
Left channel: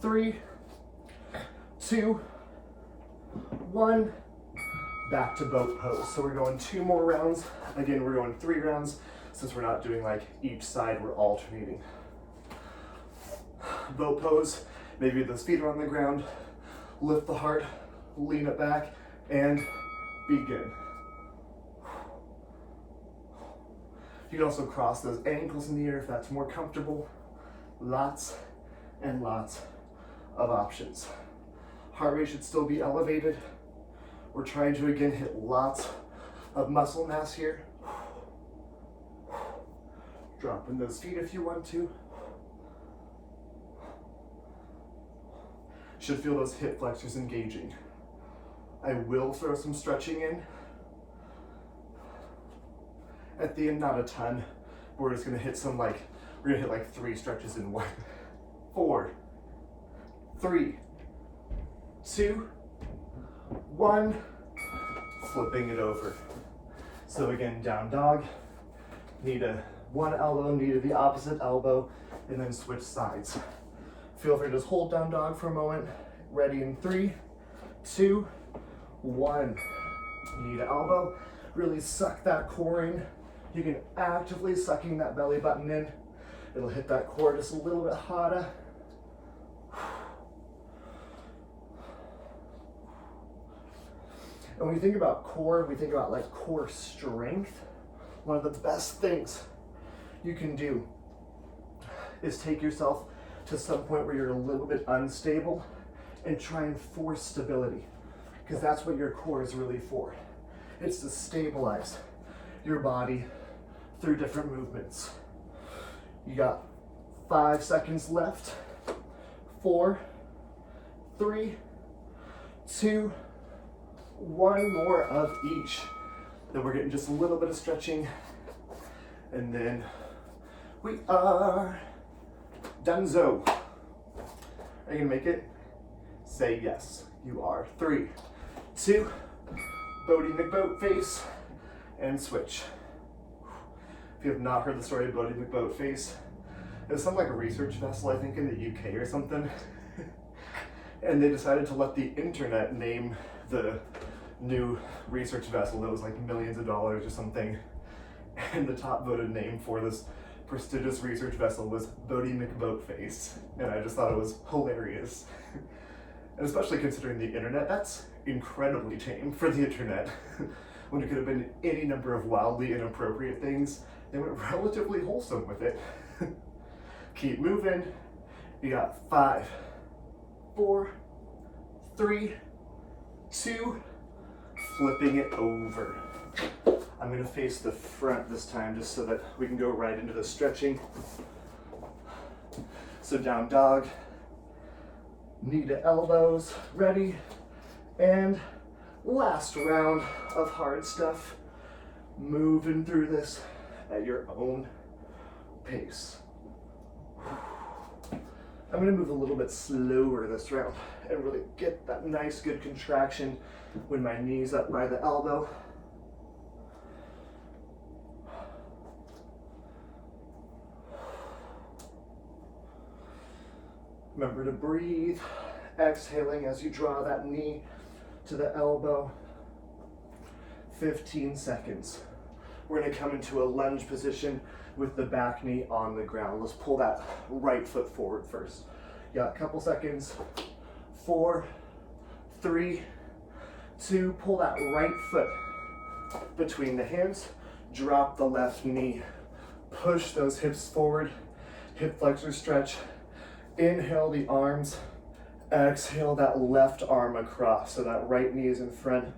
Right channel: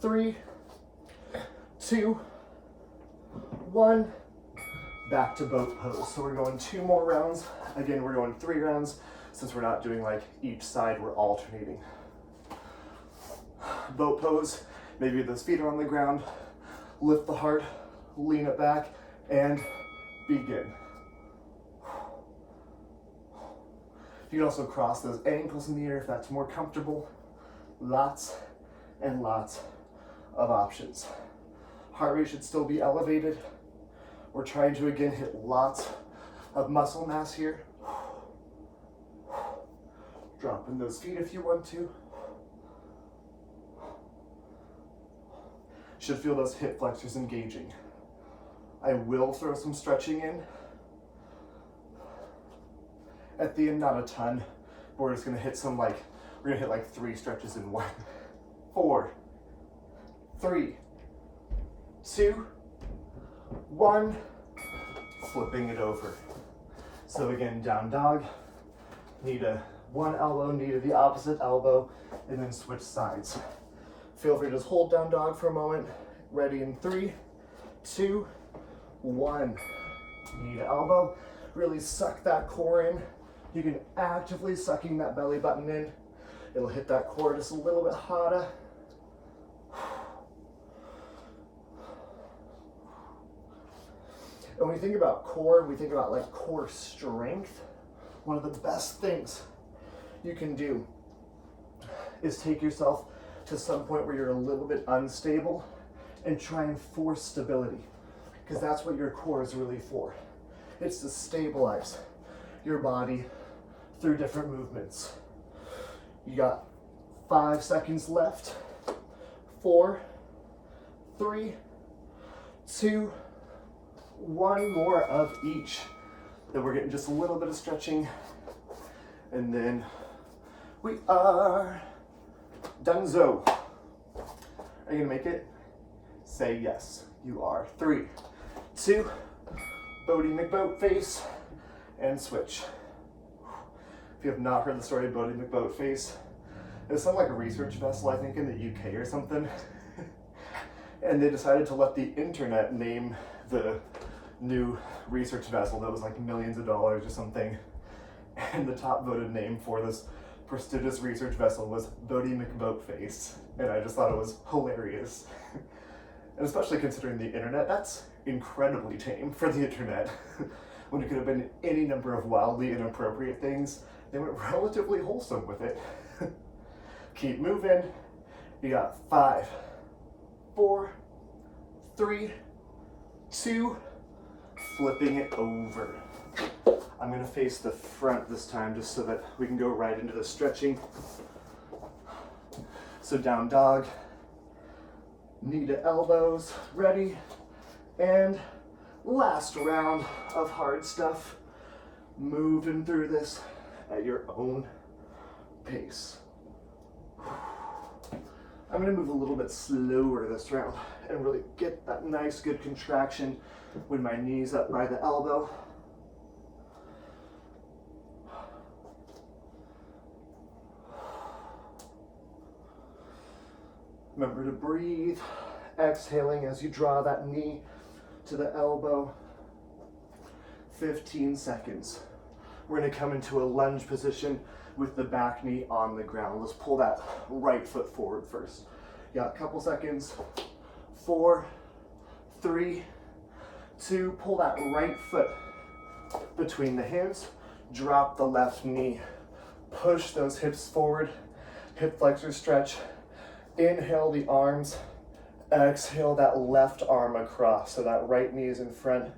3, 2, 1. Back to boat pose. So we're going 2 more rounds. Again, we're going 3 rounds. Since we're not doing like each side, we're alternating. Boat pose, maybe those feet are on the ground. Lift the heart, lean it back, and begin. You can also cross those ankles in the air if that's more comfortable. Lots and lots of options. Heart rate should still be elevated. We're trying to, again, hit lots of muscle mass here. Dropping those feet if you want to. Should feel those hip flexors engaging. I will throw some stretching in At the end, not a ton. We're just gonna hit some we're gonna hit like 3 stretches in 1. 4, 3, 2, 1. Flipping it over. So again, down dog, knee to one elbow, knee to the opposite elbow, and then switch sides. Feel free to just hold down dog for a moment. Ready in 3, 2, 1. Knee to elbow. Really suck that core in. You can actively sucking that belly button in. It'll hit that core just a little bit harder. And when you think about core, we think about like core strength. One of the best things you can do is take yourself to some point where you're a little bit unstable and try and force stability, because that's what your core is really for. It's to stabilize your body through different movements. You got 5 seconds left. 4, 3, 2, 1 more of each. Then we're getting just a little bit of stretching, and then we are donezo. Are you gonna make it? Say yes, you are. 3, 2, Bodie McBoatface, and switch. If you have not heard the story of Bodie McBoatface, it was something like a research vessel, I think in the UK or something. And they decided to let the internet name the new research vessel that was like millions of dollars or something. And the top voted name for this prestigious research vessel was Bodie McBoatface. And I just thought it was hilarious. And especially considering the internet, that's incredibly tame for the internet. When it could have been any number of wildly inappropriate things, they went relatively wholesome with it. Keep moving. You got 5, 4, 3, 2, flipping it over. I'm gonna face the front this time just so that we can go right into the stretching. So down dog, knee to elbows, ready, and last round of hard stuff. Moving through this at your own pace. I'm gonna move a little bit slower this round and really get that nice good contraction when my knee's up by the elbow. Remember to breathe, exhaling as you draw that knee to the elbow. 15 seconds. We're gonna come into a lunge position with the back knee on the ground. Let's pull that right foot forward first. You got a couple seconds. 4, 3, 2, pull that right foot between the hands. Drop the left knee. Push those hips forward. Hip flexor stretch. Inhale the arms. Exhale that left arm across. So that right knee is in front,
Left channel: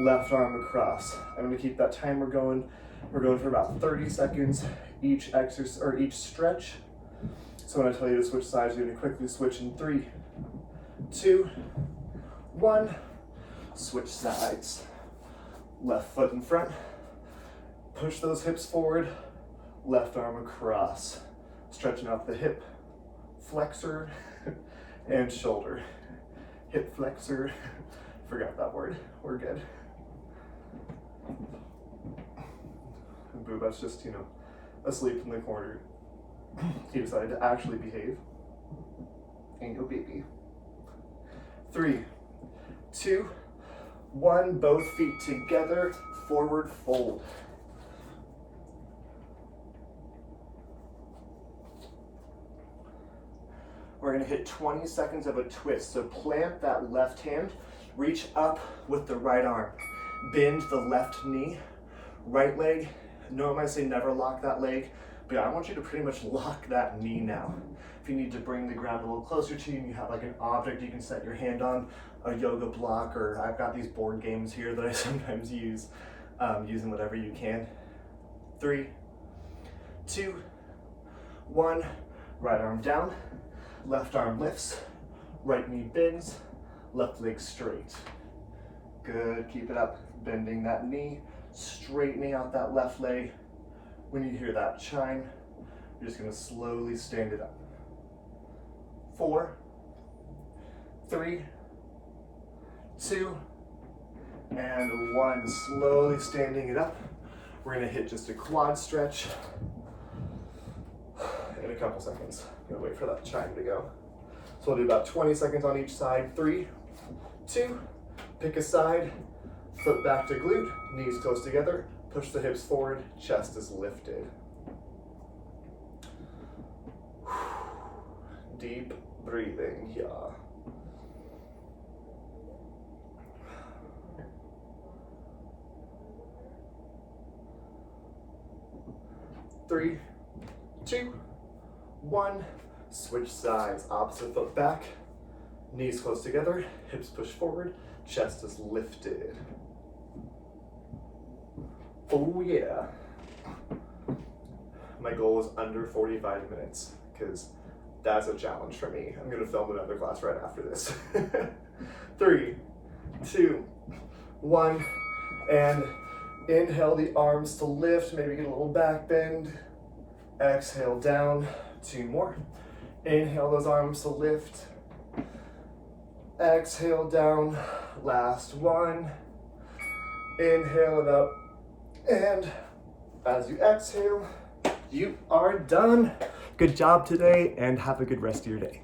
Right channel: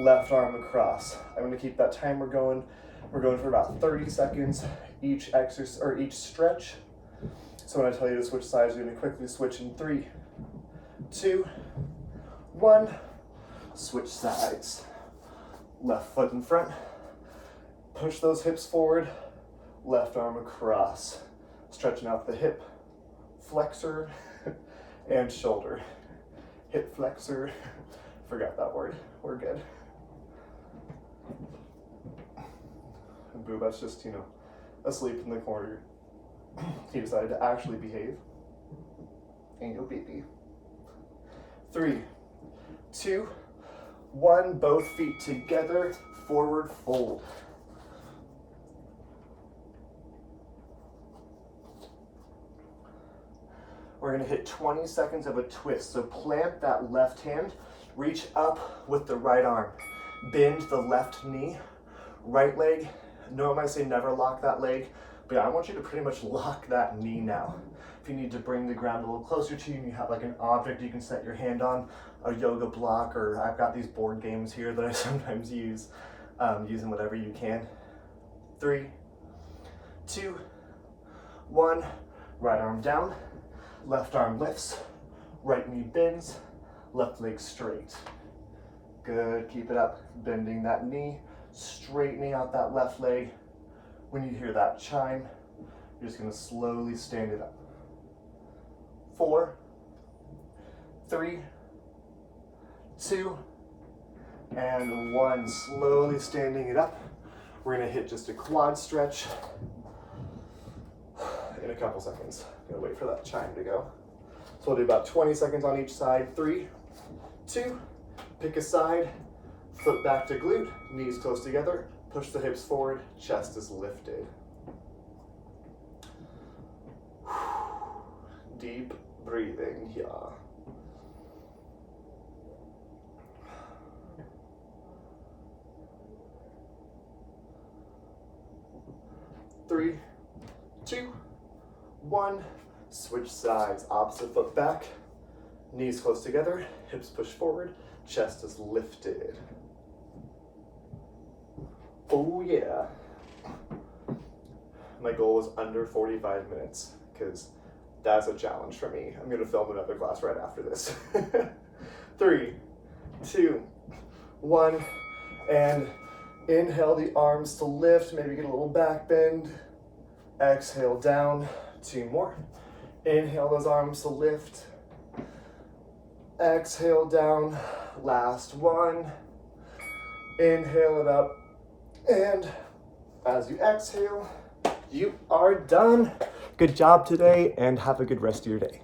left arm across. I'm gonna keep that timer going. We're going for about 30 seconds each exercise or each stretch. So when I tell you to switch sides, you're gonna quickly switch in 3, 2, 1. Switch sides. Left foot in front. Push those hips forward. Left arm across. Stretching out the hip flexor and shoulder. Hip flexor. Forgot that word. We're good. And Boobat's just, asleep in the corner. He decided to actually behave. Ain't no baby. 3, 2, 1. Both feet together. Forward fold. We're gonna hit 20 seconds of a twist. So plant that left hand, reach up with the right arm. Bend the left knee, right leg. Normally I say never lock that leg, but I want you to pretty much lock that knee now. If you need to bring the ground a little closer to you and you have like an object you can set your hand on, a yoga block, or I've got these board games here that I sometimes use, using whatever you can. 3, 2, 1. Right arm down, left arm lifts, right knee bends, left leg straight. Good, keep it up. Bending that knee, straightening out that left leg. When you hear that chime, you're just gonna slowly stand it up. 4, 3, 2, and 1. Slowly standing it up. We're gonna hit just a quad stretch in a couple seconds. I'm gonna wait for that chime to go. So we'll do about 20 seconds on each side. 3, 2, pick a side, foot back to glute, knees close together, push the hips forward, chest is lifted. Deep breathing here. Three, 2, 1. Switch sides. Opposite foot back. Knees close together. Hips push forward. Chest is lifted. Oh yeah. My goal is under 45 minutes because that's a challenge for me. I'm going to film another class right after this. 3, 2, 1. And inhale the arms to lift. Maybe get a little back bend. Exhale down. 2 more. Inhale those arms to lift. Exhale down. Last 1. Inhale it up. And as you exhale, you are done. Good job today, and have a good rest of your day.